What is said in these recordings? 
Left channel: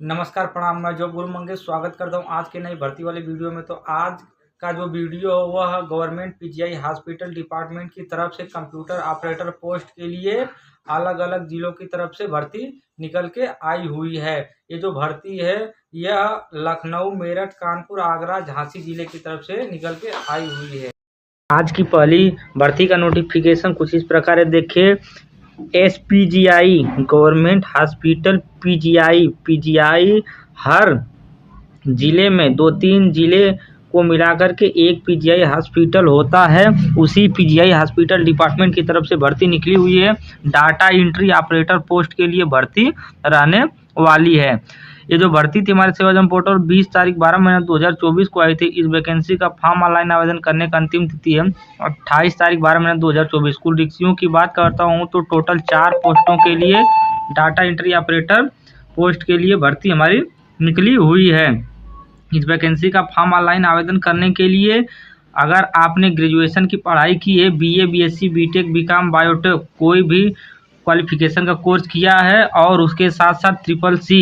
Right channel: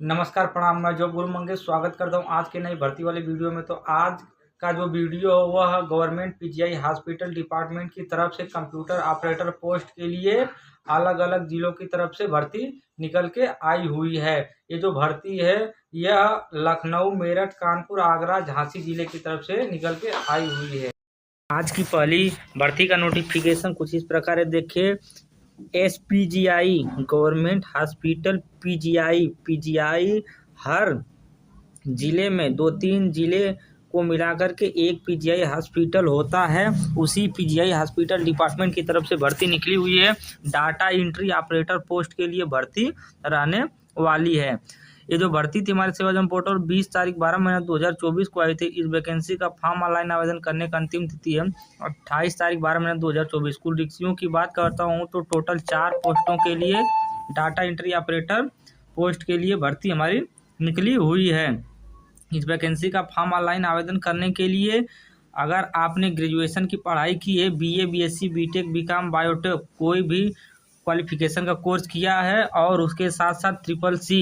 नमस्कार, प्रणाम। मैं जॉब गुरु मंगेश स्वागत करता हूं आज के नई भर्ती वाले वीडियो में। तो आज का जो वीडियो है वह गवर्नमेंट पीजीआई हॉस्पिटल डिपार्टमेंट की तरफ से कंप्यूटर ऑपरेटर पोस्ट के लिए अलग अलग जिलों की तरफ से भर्ती निकल के आई हुई है। ये जो भर्ती है यह लखनऊ, मेरठ, कानपुर, आगरा, झांसी जिले की तरफ से निकल के आई हुई है। आज की पहली भर्ती का नोटिफिकेशन कुछ इस प्रकार है, देखिए। एसपीजीआई गवर्नमेंट हॉस्पिटल पीजीआई हर जिले में 2-3 जिले को मिलाकर के एक पीजीआई हॉस्पिटल होता है। उसी पीजीआई हॉस्पिटल डिपार्टमेंट की तरफ से भर्ती निकली हुई है। डाटा एंट्री ऑपरेटर पोस्ट के लिए भर्ती रहने वाली है। ये जो भर्ती थी हमारे सेवा जन पोर्टल 20 तारीख 12 महीना 2024 को आई थी। इस वैकेंसी का फॉर्म ऑनलाइन आवेदन करने का अंतिम तिथि है 28 तारीख 12 महीना 2024। कुल रिक्तियों की बात करता हूँ तो टोटल 4 पोस्टों के लिए डाटा एंट्री ऑपरेटर पोस्ट के लिए भर्ती हमारी निकली हुई है। इस वैकेंसी का फॉर्म ऑनलाइन आवेदन करने के लिए अगर आपने ग्रेजुएशन की पढ़ाई की है, BA, BSc, BTech, BCom, biotech, कोई भी क्वालिफिकेशन का कोर्स किया है और उसके साथ साथ ट्रिपल सी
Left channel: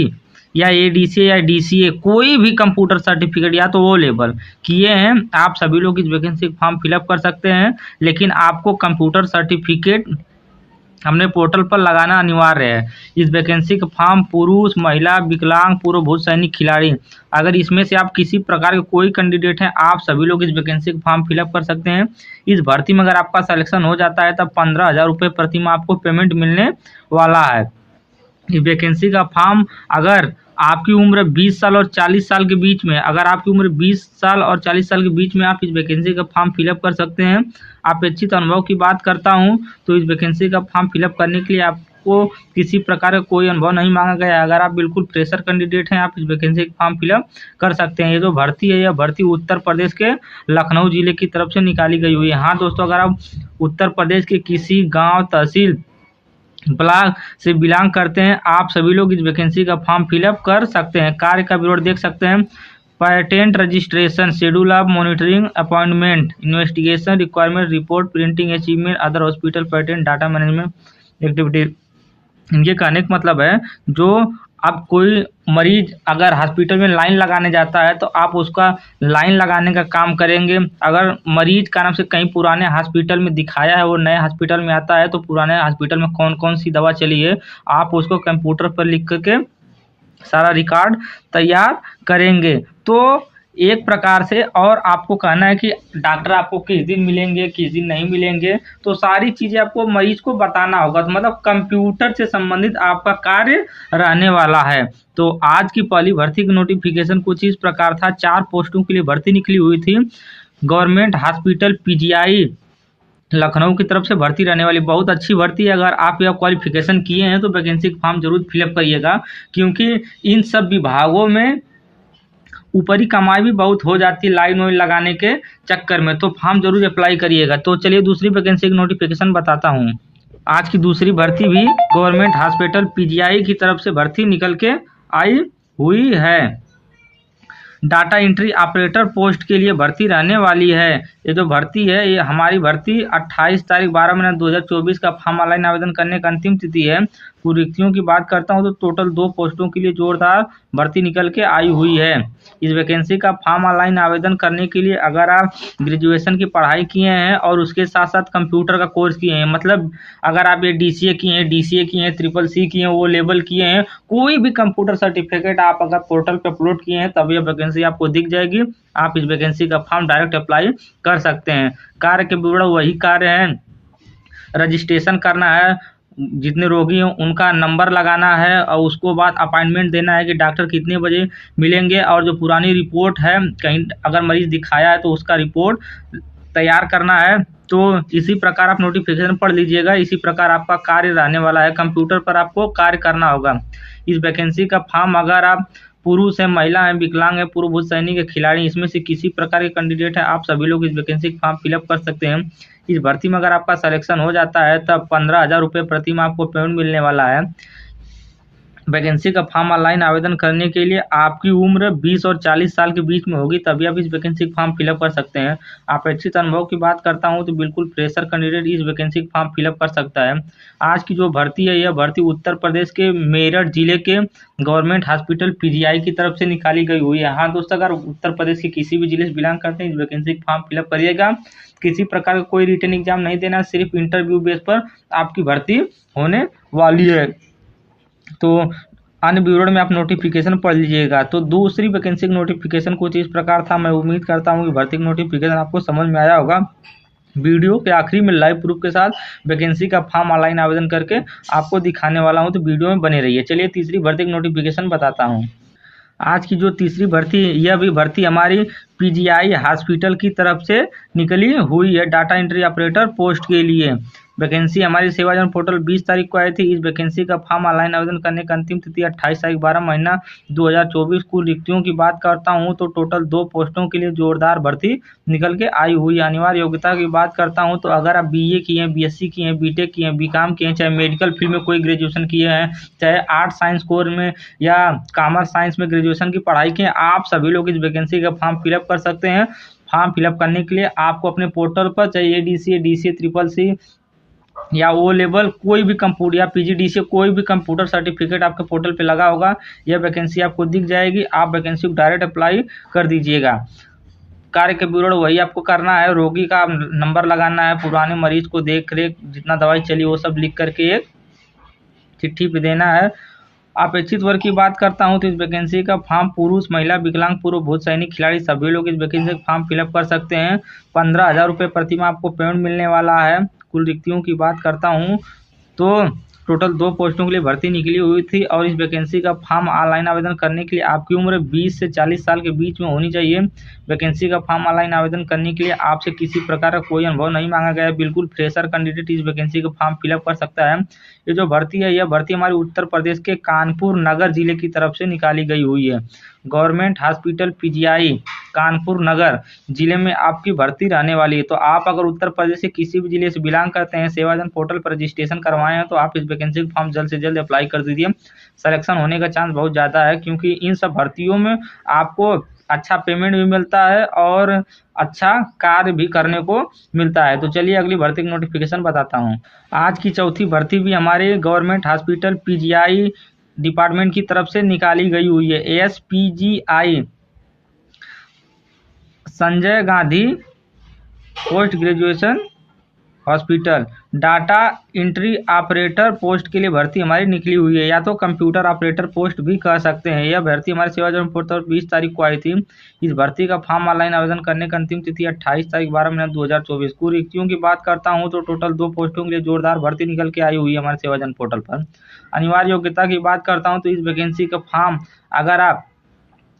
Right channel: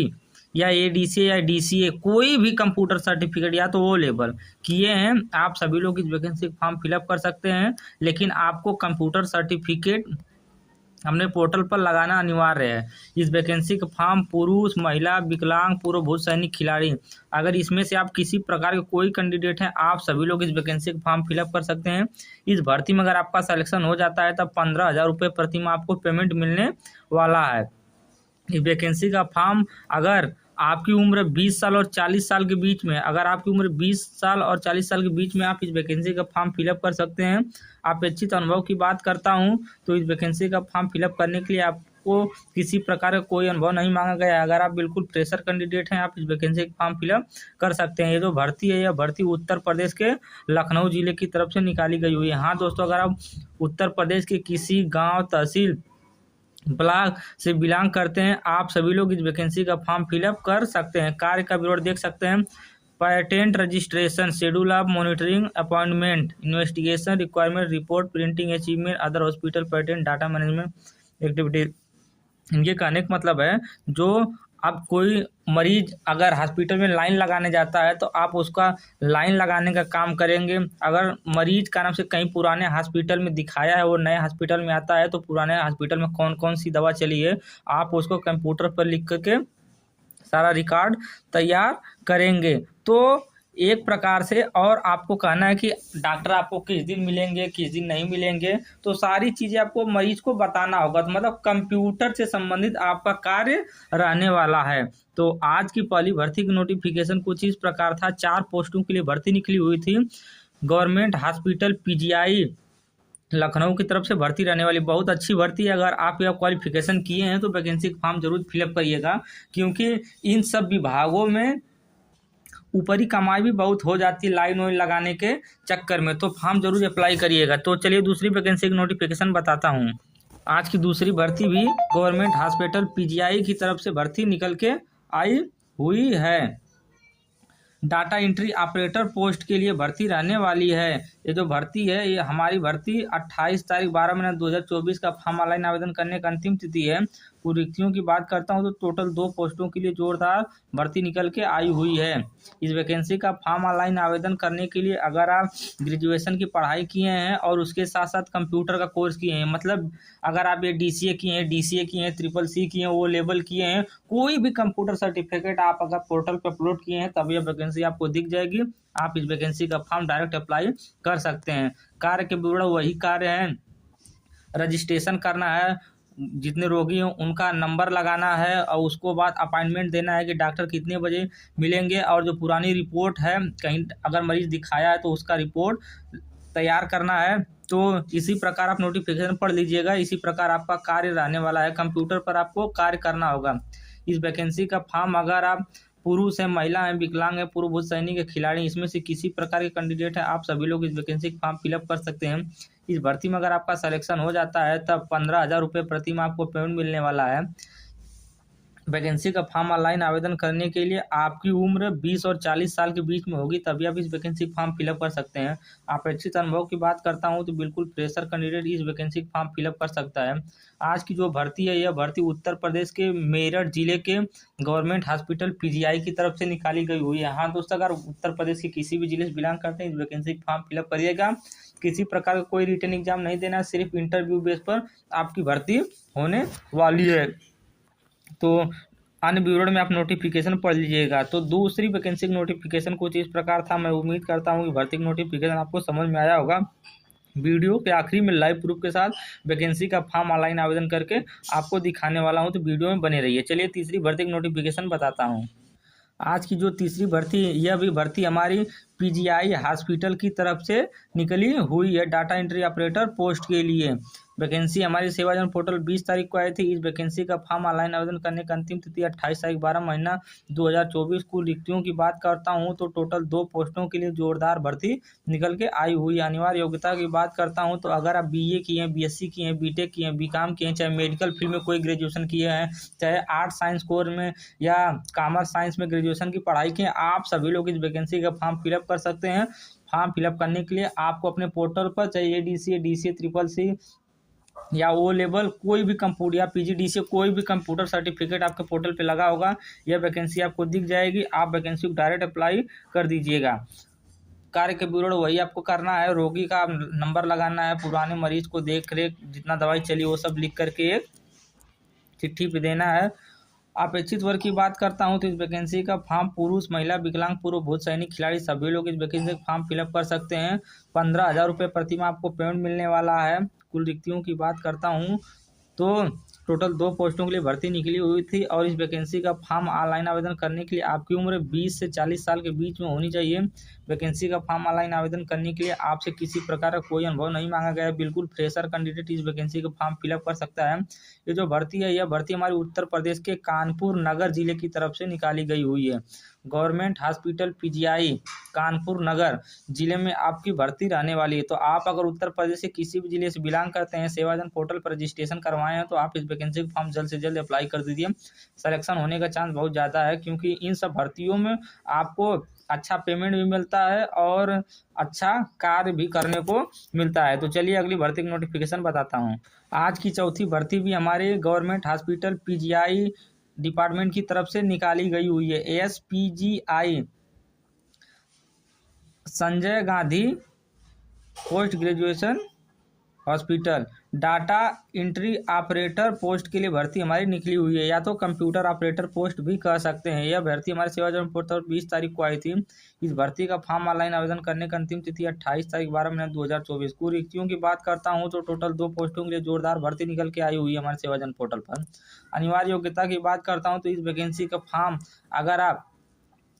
या एडीसीए या डीसीए कोई भी कंप्यूटर सर्टिफिकेट या तो वो लेवल किए हैं, आप सभी लोग इस वैकेंसी फॉर्म फिलअप कर सकते हैं। लेकिन आपको कंप्यूटर सर्टिफिकेट हमने पोर्टल पर लगाना अनिवार्य है। इस वैकेंसी का फॉर्म पुरुष, महिला, विकलांग, पूर्व भूत सैनिक, खिलाड़ी, अगर इसमें से आप किसी प्रकार के कोई कैंडिडेट हैं, आप सभी लोग इस वैकेंसी का फॉर्म फिलअप कर सकते हैं। इस भर्ती में अगर आपका सिलेक्शन हो जाता है तब 15,000 रुपये प्रति माह आपको पेमेंट मिलने वाला है। इस वैकेंसी का फॉर्म अगर आपकी उम्र 20 साल और 40 साल के बीच में, अगर आपकी उम्र 20 साल और 40 साल के बीच में आप इस वैकेंसी का फॉर्म फिलअप कर सकते हैं। अपेक्षित अनुभव की बात करता हूं तो इस वैकेंसी का फॉर्म फिलअप करने के लिए आपको किसी प्रकार का कोई अनुभव नहीं मांगा गया है। अगर आप बिल्कुल फ्रेशर कैंडिडेट हैं, आप इस वैकेंसी का फॉर्म फिलअप कर सकते हैं। ये जो भर्ती है, यह भर्ती उत्तर प्रदेश के लखनऊ जिले की तरफ से निकाली गई हुई है। हाँ दोस्तों, अगर आप उत्तर प्रदेश के किसी गाँव, तहसील, ब्लॉक से बिलोंग करते हैं, आप सभी लोग इस वैकेंसी का फॉर्म फिलअप कर सकते हैं। कार्य का विवरण देख सकते हैं। Patent registration, schedule of monitoring, appointment, investigation, requirement report, printing, achievement, other hospital patent, data management activity. इनके कहने का मतलब है, जो अब कोई मरीज अगर हॉस्पिटल में लाइन लगाने जाता है तो आप उसका लाइन लगाने का काम करेंगे। अगर मरीज का नाम से कहीं पुराने हॉस्पिटल में दिखाया है, वो नए हॉस्पिटल में आता है तो पुराने हॉस्पिटल में कौन कौन सी दवा चली है आप उसको कंप्यूटर पर लिख करके सारा रिकॉर्ड तैयार करेंगे। तो एक प्रकार से, और आपको कहना है कि डॉक्टर आपको किस दिन मिलेंगे, किस दिन नहीं मिलेंगे, तो सारी चीज़ें आपको मरीज को बताना होगा। तो मतलब कंप्यूटर से संबंधित आपका कार्य रहने वाला है। तो आज की पहली भर्ती की नोटिफिकेशन कुछ इस प्रकार था। 4 पोस्टों के लिए भर्ती निकली हुई थी। गवर्नमेंट हॉस्पिटल पीजीआई लखनऊ की तरफ से भर्ती रहने वाली बहुत अच्छी भर्ती है। अगर आप यह क्वालिफिकेशन किए हैं तो वैकेंसी का फॉर्म जरूर फिलअप करिएगा, क्योंकि इन सब विभागों में ऊपरी कमाई भी बहुत हो जाती है लाइन वाइन लगाने के चक्कर में। तो फॉर्म जरूर अप्लाई करिएगा। तो चलिए दूसरी वैकेंसी की नोटिफिकेशन बताता हूँ। आज की दूसरी भर्ती भी गवर्नमेंट हॉस्पिटल पीजीआई की तरफ से भर्ती निकल के आई हुई है। डाटा एंट्री ऑपरेटर पोस्ट के लिए भर्ती रहने वाली है। ये जो भर्ती है, ये हमारी भर्ती 28 तारीख 12 महीना 2024 का फॉर्म ऑनलाइन आवेदन करने का अंतिम तिथि है। कुल रिक्तियों की बात करता हूँ तो टोटल 2 पोस्टों के लिए जोरदार भर्ती निकल के आई हुई है। इस वैकेंसी का फॉर्म ऑनलाइन आवेदन करने के लिए अगर आप ग्रेजुएशन की पढ़ाई किए हैं और उसके साथ साथ कंप्यूटर का कोर्स किए हैं, मतलब अगर आप ये डीसीए किए हैं, ट्रिपल सी किए हैं, वो लेवल किए हैं, कोई भी कंप्यूटर सर्टिफिकेट आप अगर पोर्टल पर अपलोड किए हैं तब यह वैकेंसी आपको दिख जाएगी। आप इस वैकेंसी का फॉर्म डायरेक्ट अप्लाई कर सकते हैं। कार्य के विवरण वही कार्य हैं। रजिस्ट्रेशन करना है, जितने रोगी हैं उनका नंबर लगाना है और उसको बाद अपॉइंटमेंट देना है कि डॉक्टर कितने बजे मिलेंगे, और जो पुरानी रिपोर्ट है कहीं अगर मरीज दिखाया है तो उसका रिपोर्ट तैयार करना है। तो इसी प्रकार आप नोटिफिकेशन पढ़ लीजिएगा। इसी प्रकार आपका कार्य रहने वाला है। कंप्यूटर पर आपको कार्य करना होगा। इस वैकेंसी का फॉर्म अगर आप पुरुष है, महिला है, विकलांग है, पूर्व भूत सैनिक है, खिलाड़ी, इसमें से किसी प्रकार के कैंडिडेट है, आप सभी लोग इस वैकेंसी का फॉर्म फिलअप कर सकते हैं। इस भर्ती में अगर आपका सिलेक्शन हो जाता है तब 15,000 रुपये प्रति माह आपको पेमेंट मिलने वाला है। वैकेंसी का फॉर्म ऑनलाइन आवेदन करने के लिए आपकी उम्र 20 और 40 साल के बीच में होगी, तभी आप इस वैकेंसी का फॉर्म फिलअप कर सकते हैं। अपेक्षित अनुभव की बात करता हूं तो बिल्कुल फ्रेशर कैंडिडेट इस वैकेंसी का फॉर्म फिलअप कर सकता है। आज की जो भर्ती है, यह भर्ती उत्तर प्रदेश के मेरठ जिले के गवर्नमेंट हॉस्पिटल पीजीआई की तरफ से निकाली गई हुई है। हाँ दोस्तों, अगर उत्तर प्रदेश के किसी भी जिले से बिलोंग करते हैं, इस वैकेंसी का फॉर्म फिलअप करिएगा। किसी प्रकार का कोई रिटन एग्जाम नहीं देना, सिर्फ इंटरव्यू बेस पर आपकी भर्ती होने वाली है। तो अन्य विवरण में आप नोटिफिकेशन पढ़ लीजिएगा। तो दूसरी वैकेंसी का नोटिफिकेशन कुछ इस प्रकार था। मैं उम्मीद करता हूँ कि भर्ती का नोटिफिकेशन आपको समझ में आया होगा। वीडियो के आखिरी में लाइव प्रूफ के साथ वैकेंसी का फॉर्म ऑनलाइन आवेदन करके आपको दिखाने वाला हूँ, तो वीडियो में बने रहिए। चलिए तीसरी भर्ती का नोटिफिकेशन बताता हूँ। आज की जो तीसरी भर्ती, यह भी भर्ती हमारी पीजीआई हॉस्पिटल की तरफ से निकली हुई है, डाटा एंट्री ऑपरेटर पोस्ट के लिए। वैकेंसी हमारी सेवाजन पोर्टल 20 तारीख को आई थी। इस वैकेंसी का फॉर्म ऑनलाइन आवेदन करने का अंतिम तिथि 28 तारीख 12 महीना 2024। कुल रिक्तियों की बात करता हूँ तो टोटल 2 पोस्टों के लिए जोरदार भर्ती निकल के आई हुई। अनिवार्य योग्यता की बात करता हूँ तो अगर आप बीए किए हैं, बीएससी किए हैं, बीटेक किए हैं, बीकॉम किए हैं, चाहे मेडिकल फील्ड में कोई ग्रेजुएशन किए हैं, चाहे आर्ट साइंस कोर में या कॉमर्स साइंस में ग्रेजुएशन की पढ़ाई की, आप सभी लोग इस वैकेंसी का फॉर्म फिलअप कर सकते हैं। फॉर्म फिलअप करने के लिए आपको अपने पोर्टल पर चाहे एडीसी, डीसी, ट्रिपल सी या ओ लेवल कोई भी कंप्यूटर या पीजीडीसी कोई भी कंप्यूटर सर्टिफिकेट आपके पोर्टल पे लगा होगा, यह वैकेंसी आपको दिख जाएगी। आप वैकेंसी को डायरेक्ट अप्लाई कर दीजिएगा। कार्य के विवरण वही आपको करना है। रोगी का नंबर लगाना है, पुराने मरीज को देख रेख जितना दवाई चली वो सब लिख करके एक चिट्ठी पे देना है। अपेक्षित वर्ग की बात करता हूं तो इस वैकेंसी का फॉर्म पुरुष, महिला, विकलांग, पूर्व भूत सैनिक, खिलाड़ी सभी लोग इस वैकेंसी का फॉर्म फिलअप कर सकते हैं। 15,000 रुपये प्रति माह आपको पेमेंट मिलने वाला है। कुल रिक्तियों की बात करता हूं तो टोटल 2 पोस्टों के लिए भर्ती निकली हुई थी और इस वैकेंसी का फॉर्म ऑनलाइन आवेदन करने के लिए आपकी उम्र 20 से 40 साल के बीच में होनी चाहिए। वैकेंसी का फॉर्म ऑनलाइन आवेदन करने के लिए आपसे किसी प्रकार का कोई अनुभव नहीं मांगा गया है। बिल्कुल फ्रेशर कैंडिडेट इस वैकेंसी का फॉर्म फिलअप कर सकता है। ये जो भर्ती है, यह भर्ती हमारे उत्तर प्रदेश के कानपुर नगर जिले की तरफ से निकाली गई हुई है। गवर्नमेंट हॉस्पिटल पीजीआई कानपुर नगर जिले में आपकी भर्ती रहने वाली है। तो आप अगर उत्तर प्रदेश के किसी भी जिले से बिलोंग करते हैं, सेवाजन पोर्टल पर रजिस्ट्रेशन करवाए हैं, तो आप इस वैकेंसी का फॉर्म जल्द से जल्द अप्लाई कर दीजिए। सिलेक्शन होने का चांस बहुत ज़्यादा है, क्योंकि इन सब भर्तियों में आपको अच्छा पेमेंट भी मिलता है और अच्छा कार्य भी करने को मिलता है। तो चलिए अगली भर्ती की नोटिफिकेशन बताता हूँ। आज की चौथी भर्ती भी हमारे गवर्नमेंट हॉस्पिटल पीजीआई डिपार्टमेंट की तरफ से निकाली गई हुई है। ASPGI Sanjay Gandhi post graduation hospital data entry operator post के लिए भर्ती हमारी निकली हुई है, या तो कंप्यूटर ऑपरेटर पोस्ट भी कह सकते हैं। यह भर्ती हमारे सेवाजन पोर्टल 20 तारीख को आई थी। इस भर्ती का फॉर्म ऑनलाइन आवेदन करने का अंतिम तिथि 28 तारीख 12 महीना 2024। कुल रिक्तियों की बात करता हूं तो टोटल 2 पोस्टों के लिए जोरदार भर्ती निकल के आई हुई है हमारे सेवाजन पोर्टल पर। अनिवार्य योग्यता की बात करता हूँ तो इस वैकेंसी का फॉर्म, अगर आप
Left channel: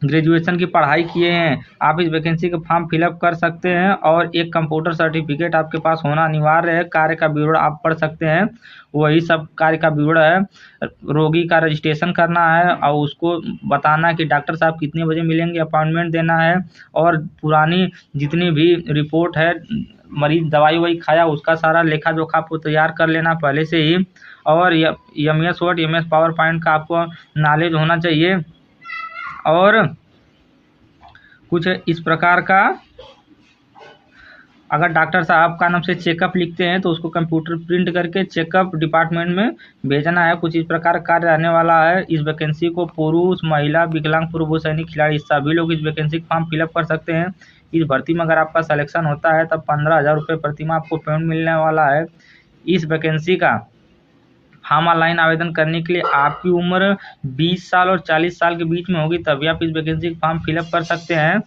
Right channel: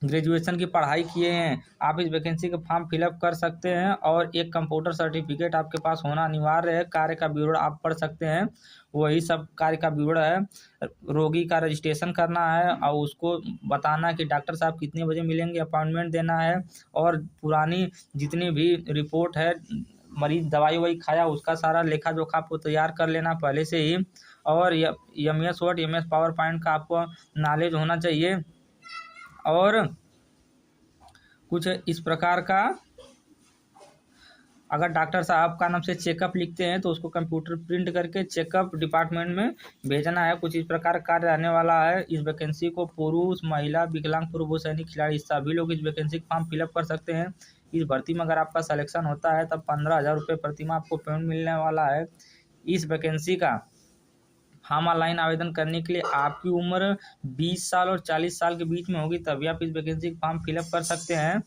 ग्रेजुएशन की पढ़ाई किए हैं, आप इस वैकेंसी का फॉर्म फिलअप कर सकते हैं और एक कंप्यूटर सर्टिफिकेट आपके पास होना अनिवार्य है। कार्य का विवरण आप पढ़ सकते हैं, वही सब कार्य का विवरण है। रोगी का रजिस्ट्रेशन करना है और उसको बताना कि डॉक्टर साहब कितने बजे मिलेंगे, अपॉइंटमेंट देना है और पुरानी जितनी भी रिपोर्ट है, मरीज दवाई वही खाया, उसका सारा लेखा जोखा आपको तैयार कर लेना पहले से ही। और MS word, MS power point का आपको नॉलेज होना चाहिए। और कुछ इस प्रकार का, अगर डॉक्टर साहब का नाम से चेकअप लिखते हैं तो उसको कंप्यूटर प्रिंट करके चेकअप डिपार्टमेंट में भेजना है। कुछ इस प्रकार कार्य रहने वाला है। इस वैकेंसी को पुरुष, महिला, विकलांग, पूर्व सैनिक, खिलाड़ी सभी लोग इस वैकेंसी का फॉर्म फिलअप कर सकते हैं। इस भर्ती में अगर आपका सिलेक्शन होता है तब 15,000 रुपये प्रति माह आपको पेमेंट मिलने वाला है। इस वैकेंसी का फॉर्म ऑनलाइन आवेदन करने के लिए आपकी उम्र 20 साल और 40 साल के बीच में होगी, तभी आप इस वैकेंसी का फॉर्म फिलअप कर सकते हैं।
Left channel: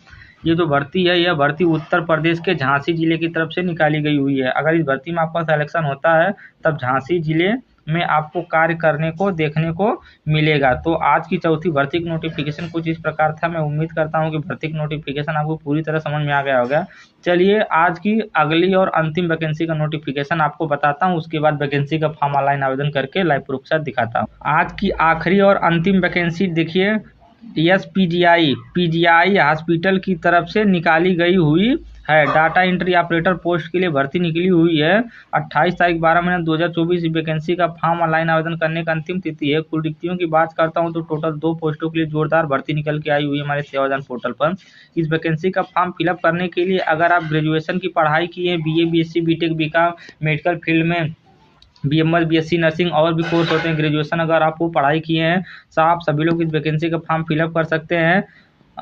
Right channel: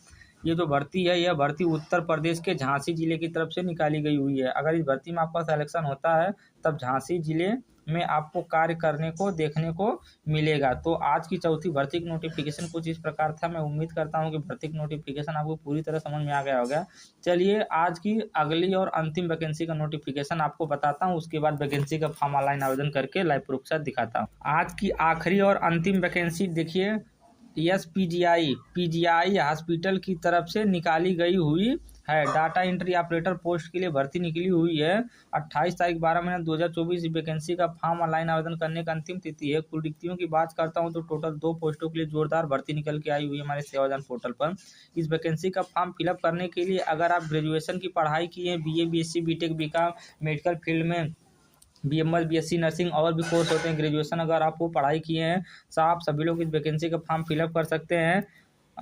ये जो भर्ती है, यह भर्ती उत्तर प्रदेश के झांसी जिले की तरफ से निकाली गई हुई है। अगर इस भर्ती में आपका सिलेक्शन होता है तब झांसी जिले में आपको कार्य करने को देखने को मिलेगा। तो आज की चौथी भर्ती की नोटिफिकेशन कुछ इस प्रकार था। मैं उम्मीद करता हूं कि भर्ती की नोटिफिकेशन आपको पूरी तरह समझ में आ गया होगा। चलिए आज की अगली और अंतिम वैकेंसी का नोटिफिकेशन आपको बताता हूं, उसके बाद वैकेंसी का फॉर्म ऑनलाइन आवेदन करके लाइव प्रूफ के साथ दिखाता हूँ। आज की आखिरी और अंतिम वैकेंसी देखिए, पीजीआई हॉस्पिटल की तरफ से निकाली गई हुई है। डाटा एंट्री ऑपरेटर पोस्ट के लिए भर्ती निकली हुई है। 28 तारीख 12 महीना 2024 वैकेंसी का फॉर्म ऑनलाइन आवेदन करने का अंतिम तिथि है। कुल रिक्तियों की बात करता हूं तो टोटल 2 पोस्टों के लिए जोरदार भर्ती निकल के आई हुई है हमारे सेवादान पोर्टल पर। इस वैकेंसी का फॉर्म फिलअप करने के लिए अगर आप ग्रेजुएशन की पढ़ाई किए, BA, BSc, BTech, BCom, medical field में BMS, BSc नर्सिंग और भी कोर्स होते हैं, ग्रेजुएशन अगर आप वो पढ़ाई किए हैं तो आप सभी लोग इस वैकेंसी का फॉर्म फिलअप कर सकते हैं।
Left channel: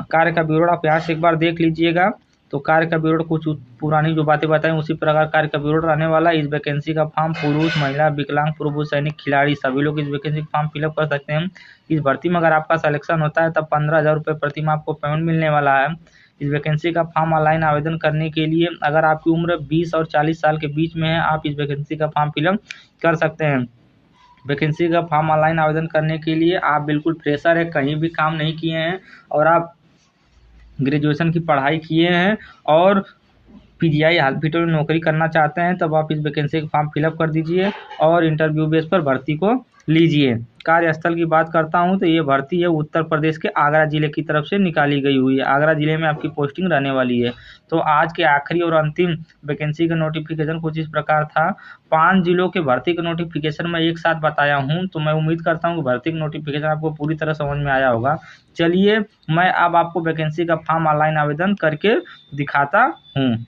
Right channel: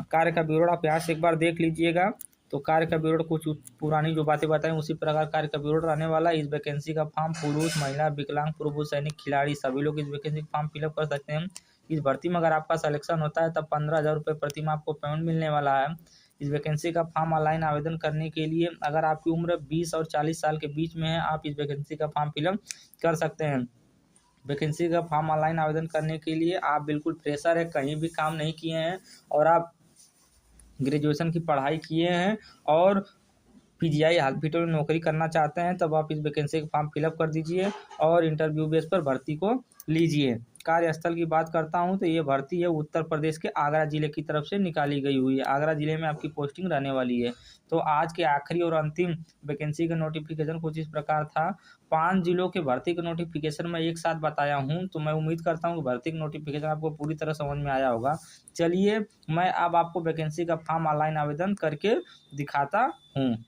कार्य का विवरण आप यहाँ से एक बार देख लीजिएगा। तो कार्य का विवरण कुछ पुरानी जो बातें बताएं उसी प्रकार कार्य का विवरण रहने वाला है। इस वैकेंसी का फॉर्म पुरुष, महिला, विकलांग, पूर्व सैनिक, खिलाड़ी सभी लोग इस वैकेंसी का फॉर्म फिलअप कर सकते हैं। इस भर्ती में अगर आपका सिलेक्शन होता है तब 15,000 रुपये प्रति माह आपको पेमेंट मिलने वाला है। इस वैकेंसी का फॉर्म ऑनलाइन आवेदन करने के लिए अगर आपकी उम्र 20 और 40 साल के बीच में है, आप इस वैकेंसी का फॉर्म फिलअप कर सकते हैं। वैकेंसी का फॉर्म ऑनलाइन आवेदन करने के लिए आप बिल्कुल फ्रेशर है, कहीं भी काम नहीं किए हैं और आप ग्रेजुएशन की पढ़ाई किए हैं और PGI हॉस्पिटल में नौकरी करना चाहते हैं, तब आप इस वैकेंसी का फॉर्म फिलअप कर दीजिए और इंटरव्यू बेस पर भर्ती को लीजिए। कार्यस्थल की बात करता हूं तो ये भर्ती है उत्तर प्रदेश के आगरा जिले की तरफ से निकाली गई हुई है। आगरा जिले में आपकी पोस्टिंग रहने वाली है। तो आज के आखिरी और अंतिम वैकेंसी का नोटिफिकेशन कुछ इस प्रकार था। 5 जिलों के भर्ती का नोटिफिकेशन मैं एक साथ बताया हूँ, तो मैं उम्मीद करता हूँ कि भर्ती का नोटिफिकेशन आपको पूरी तरह समझ में आया होगा। चलिए मैं अब आपको वैकेंसी का फॉर्म ऑनलाइन आवेदन करके दिखाता हूँ।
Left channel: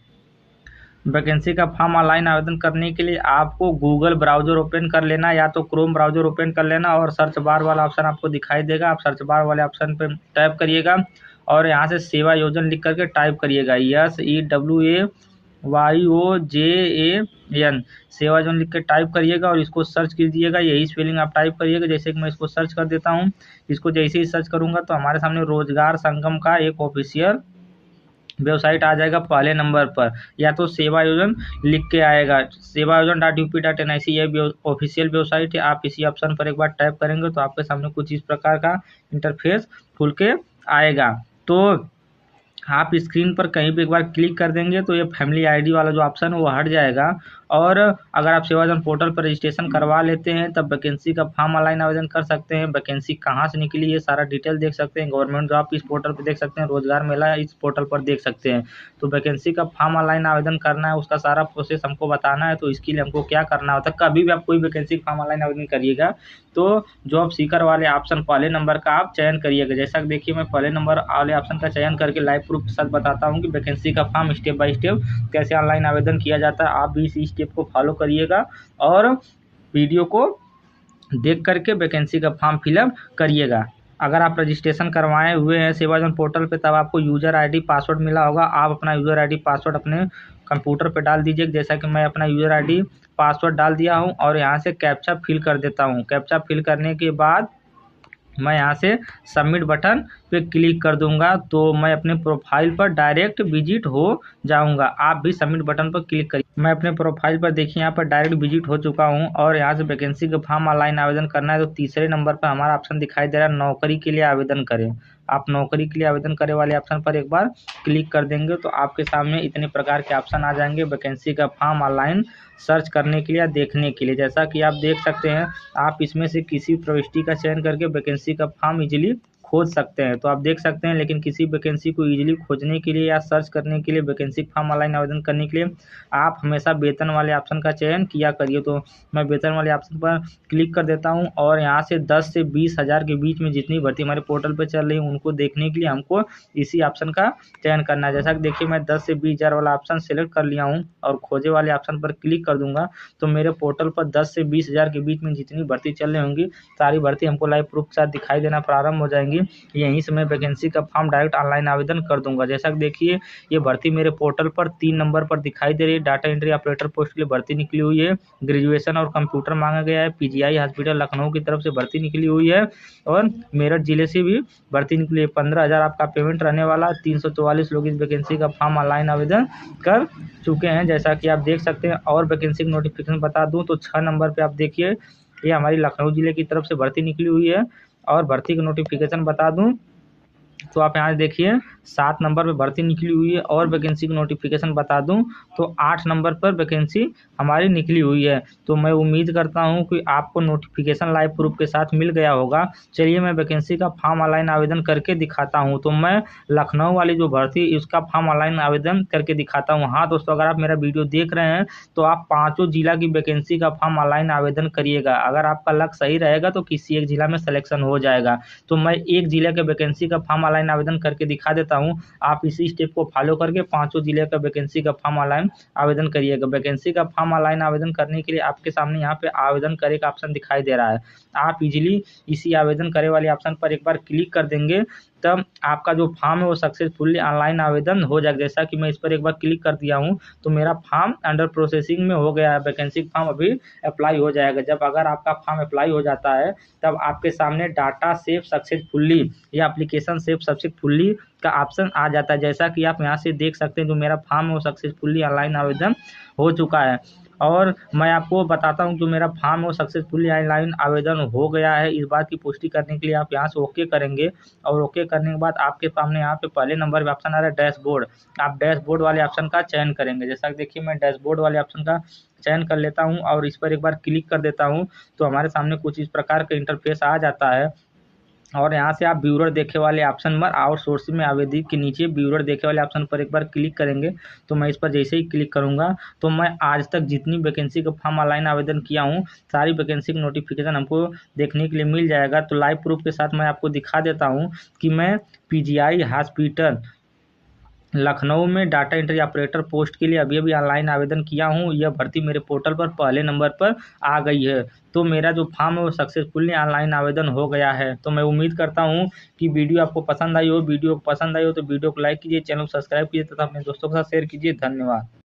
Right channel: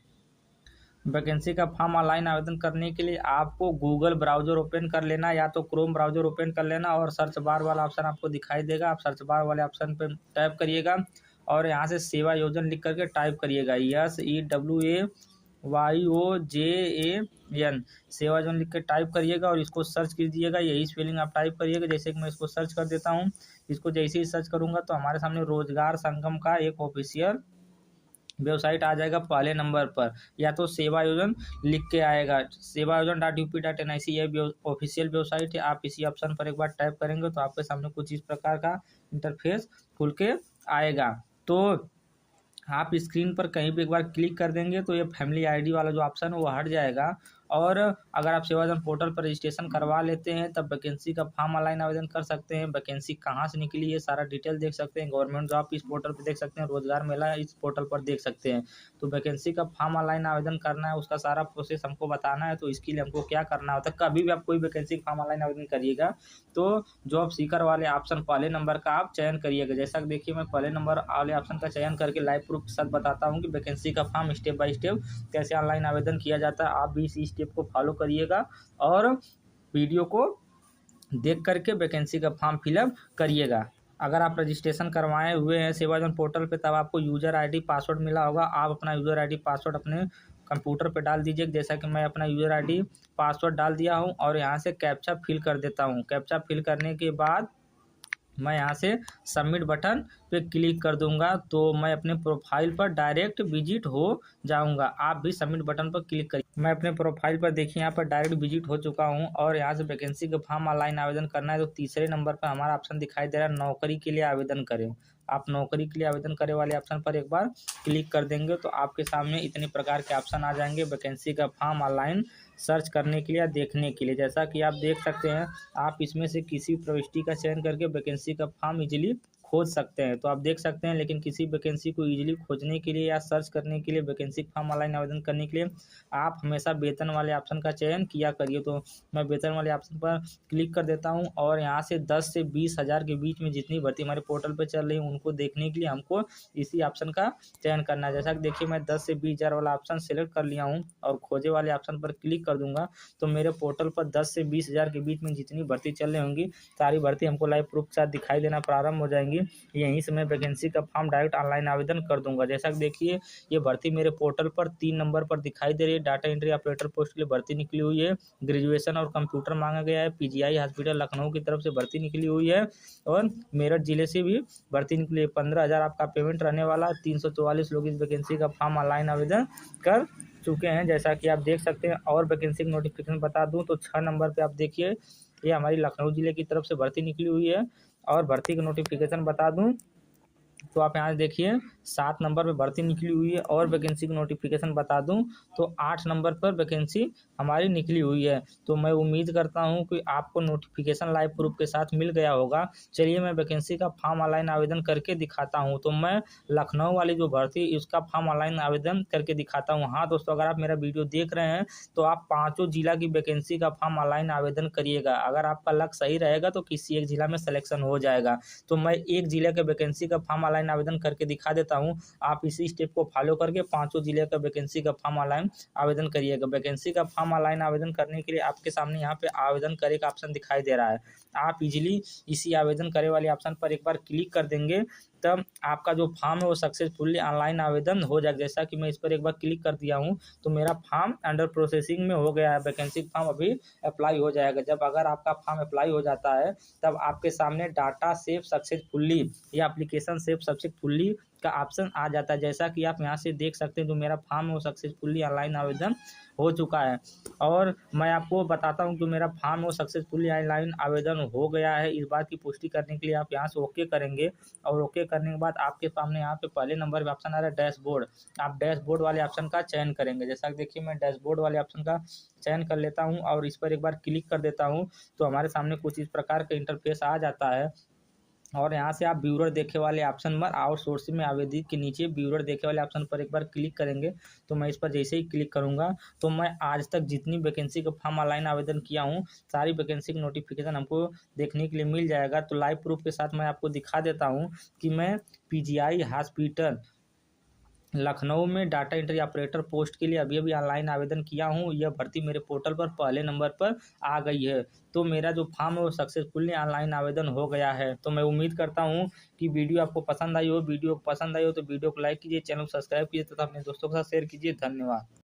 वैकेंसी का फॉर्म ऑनलाइन आवेदन करने के लिए आपको गूगल ब्राउज़र ओपन कर लेना, या तो क्रोम ब्राउज़र ओपन कर लेना और सर्च बार वाला ऑप्शन आपको दिखाई देगा। आप सर्च बार वाले ऑप्शन पर टाइप करिएगा और यहाँ से सेवा योजना लिख करके टाइप करिएगा, SEWAYOJAN सेवा योजना लिख के टाइप करिएगा और इसको सर्च कीजिएगा। यही स्पेलिंग आप टाइप करिएगा। जैसे कि मैं इसको सर्च कर देता हूँ। इसको जैसे ही सर्च करूँगा तो हमारे सामने रोजगार संगम का एक ऑफिशियल वेबसाइट आ जाएगा पहले नंबर पर, या तो सेवा योजना लिख के आएगा, sevayojan.up.nic ये ऑफिशियल वेबसाइट है। आप इसी ऑप्शन पर एक बार टाइप करेंगे तो आपके सामने कुछ इस प्रकार का इंटरफेस खुल के आएगा। तो आप स्क्रीन पर कहीं भी एक बार क्लिक कर देंगे तो ये फैमिली आईडी वाला जो ऑप्शन है वो हट जाएगा। और अगर आप सेवायोजन पोर्टल पर रजिस्ट्रेशन करवा लेते हैं तब वैकेंसी का फॉर्म ऑनलाइन आवेदन कर सकते हैं। वैकेंसी कहाँ से निकली ये सारा डिटेल देख सकते हैं। गवर्नमेंट जॉब इस पोर्टल पर देख सकते हैं, रोजगार मेला इस पोर्टल पर देख सकते हैं। तो वैकेंसी का फॉर्म ऑनलाइन आवेदन करना है, उसका सारा प्रोसेस हमको बताना है। तो इसके लिए हमको क्या करना होता है, कभी भी आप कोई वैकेंसी फॉर्म ऑनलाइन आवेदन करिएगा तो जॉब सीकर वाले ऑप्शन पहले नंबर का आप चयन करिएगा। जैसा कि देखिए मैं पहले नंबर वाले ऑप्शन का चयन करके लाइव प्रूफ के साथ बताता हूँ कि वैकेंसी का फॉर्म स्टेप बाय स्टेप कैसे ऑनलाइन आवेदन किया जाता है। आप भी इसी स्टेप को फॉलो करिएगा और वीडियो को देख करके वैकेंसी का फॉर्म फिलअप करिएगा। अगर आप रजिस्ट्रेशन करवाए हुए हैं सेवायोजन पोर्टल पे तब आपको यूज़र आईडी पासवर्ड मिला होगा। आप अपना यूज़र आईडी पासवर्ड अपने कंप्यूटर पे डाल दीजिए। जैसा कि मैं अपना यूज़र आईडी पासवर्ड डाल दिया हूं और यहाँ से कैप्चा फिल कर देता हूं। कैप्चा फिल करने के बाद मैं यहाँ से सबमिट बटन पे क्लिक कर दूंगा तो मैं अपने प्रोफाइल पर डायरेक्ट विजिट हो जाऊंगा। आप भी सबमिट बटन पर क्लिक करिए। मैं अपने प्रोफाइल पर देखिए यहाँ पर डायरेक्ट विजिट हो चुका हूँ और यहाँ से वैकेंसी का फॉर्म ऑनलाइन आवेदन करना है तो तीसरे नंबर पर हमारा ऑप्शन दिखाई दे रहा है नौकरी के लिए आवेदन करें। आप नौकरी के लिए आवेदन करे वाले ऑप्शन पर एक बार क्लिक कर देंगे तो आपके सामने इतने प्रकार के ऑप्शन आ जाएंगे वैकेंसी का फॉर्म ऑनलाइन सर्च करने के लिए या देखने के लिए। जैसा कि आप देख सकते हैं आप इसमें से किसी प्रविष्टि का चयन करके वैकेंसी का फॉर्म इजीली खोज सकते हैं। तो आप देख सकते हैं, लेकिन किसी वैकेंसी को इजीली खोजने के लिए या सर्च करने के लिए वैकेंसी फॉर्म ऑनलाइन आवेदन करने के लिए आप हमेशा वेतन वाले ऑप्शन का चयन किया करिए। तो मैं वेतन वाले ऑप्शन पर क्लिक कर देता हूं और यहाँ से 10 से 20 हज़ार के बीच में जितनी भर्ती हमारे पोर्टल पर चल रही है उनको देखने के लिए हमको इसी ऑप्शन का चयन करना है। जैसा कि देखिए मैं 10 से 20 हज़ार वाला ऑप्शन सेलेक्ट कर लिया हूँ और खोजे वाले ऑप्शन पर क्लिक कर दूंगा तो मेरे पोर्टल पर 10 से 20 हज़ार के बीच में जितनी भर्ती चल रही होंगी सारी भर्ती हमको लाइव प्रूफ के साथ दिखाई देना प्रारंभ हो जाएंगी। यहीं से मैं वैकेंसी का फॉर्म डायरेक्ट ऑनलाइन आवेदन कर दूंगा। जैसा कि देखिए ये भर्ती मेरे पोर्टल पर 3 नंबर पर दिखाई दे रही है। डाटा एंट्री ऑपरेटर पोस्ट के लिए भर्ती निकली हुई है। ग्रेजुएशन और कंप्यूटर मांगा गया है। PGI हॉस्पिटल लखनऊ की तरफ से भर्ती निकली हुई है और मेरठ जिले से भी भर्ती निकली है। 15,000 आपका पेमेंट रहने वाला। 344 लोग इस वैकेंसी का फॉर्म ऑनलाइन आवेदन कर चुके हैं। जैसा कि आप देख सकते हैं और वैकेंसी की नोटिफिकेशन बता दूं तो 6 नंबर पे आप देखिए ये हमारी लखनऊ जिले की तरफ से भर्ती निकली हुई है। और भर्ती की नोटिफिकेशन बता दूं तो आप यहाँ देखिए 7 नंबर पे भर्ती निकली हुई है और वैकेंसी की नोटिफिकेशन बता दूं तो 8 नंबर पर वैकेंसी हमारी निकली हुई है। तो मैं उम्मीद करता हूं कि आपको नोटिफिकेशन लाइव प्रूफ के साथ मिल गया होगा। चलिए मैं वैकेंसी का फॉर्म ऑनलाइन आवेदन करके दिखाता हूं। तो मैं लखनऊ वाली जो भर्ती उसका फॉर्म ऑनलाइन आवेदन करके दिखाता हूँ। हाँ दोस्तों, अगर आप मेरा वीडियो देख रहे हैं तो आप 5 जिला की वैकेंसी का फॉर्म ऑनलाइन आवेदन करिएगा। अगर आपका लक सही रहेगा तो किसी एक जिला में सिलेक्शन हो जाएगा। तो मैं एक जिले के वैकेंसी का फॉर्म ऑनलाइन आवेदन करके दिखा देता हूं। आप इसी स्टेप को फॉलो करके 5 जिले का वैकेंसी का फॉर्म ऑनलाइन आवेदन करिएगा। वैकेंसी का फॉर्म ऑनलाइन आवेदन करने के लिए आपके सामने यहाँ पे आवेदन करे का ऑप्शन दिखाई दे रहा है। आप इजीली इसी आवेदन करे वाले ऑप्शन पर एक बार क्लिक कर देंगे, तब आपका जो फॉर्म है वो सक्सेसफुली ऑनलाइन आवेदन हो जाएगा। जैसा कि मैं इस पर एक बार क्लिक कर दिया हूँ तो मेरा फॉर्म अंडर प्रोसेसिंग में हो गया है। वैकेंसी फॉर्म अभी अप्लाई हो जाएगा। जब अगर आपका फॉर्म अप्लाई हो जाता है तब आपके सामने डाटा सेव सक्सेसफुली या एप्लीकेशन सेव सक्सेसफुली का ऑप्शन आ जाता है। जैसा कि आप यहाँ से देख सकते हैं जो मेरा फॉर्म है वो सक्सेसफुली ऑनलाइन आवेदन हो चुका है। और मैं आपको बताता हूँ जो मेरा फॉर्म है वो सक्सेसफुली ऑनलाइन आवेदन हो गया है। इस बात की पुष्टि करने के लिए आप यहाँ से ओके करेंगे और ओके करने के बाद आपके सामने यहाँ पे पहले नंबर पे ऑप्शन आ रहा है डैशबोर्ड। आप डैशबोर्ड वाले ऑप्शन का चयन करेंगे। जैसा कि देखिए मैं डैशबोर्ड वाले ऑप्शन का चयन कर लेता हूँ और इस पर एक बार क्लिक कर देता हूँ तो हमारे सामने कुछ इस प्रकार का इंटरफेस आ जाता है। और यहाँ से आप ब्यूरर देखे वाले ऑप्शन पर आउटसोर्सिंग में आवेदक के नीचे ब्यूरर देखे वाले ऑप्शन पर एक बार क्लिक करेंगे। तो मैं इस पर जैसे ही क्लिक करूँगा तो मैं आज तक जितनी वैकेंसी का फॉर्म ऑनलाइन आवेदन किया हूँ सारी वैकेंसी की नोटिफिकेशन हमको देखने के लिए मिल जाएगा। तो लाइव प्रूफ के साथ मैं आपको दिखा देता हूँ कि मैं पीजीआई हॉस्पिटल लखनऊ में डाटा एंट्री ऑपरेटर पोस्ट के लिए अभी अभी ऑनलाइन आवेदन किया हूँ। यह भर्ती मेरे पोर्टल पर पहले नंबर पर आ गई है। तो मेरा जो फॉर्म है वो सक्सेसफुली ऑनलाइन आवेदन हो गया है। तो मैं उम्मीद करता हूँ कि वीडियो आपको पसंद आई हो। वीडियो पसंद आई हो तो वीडियो को लाइक कीजिए, चैनल को सब्सक्राइब कीजिए तथा अपने दोस्तों के साथ शेयर कीजिए। धन्यवाद।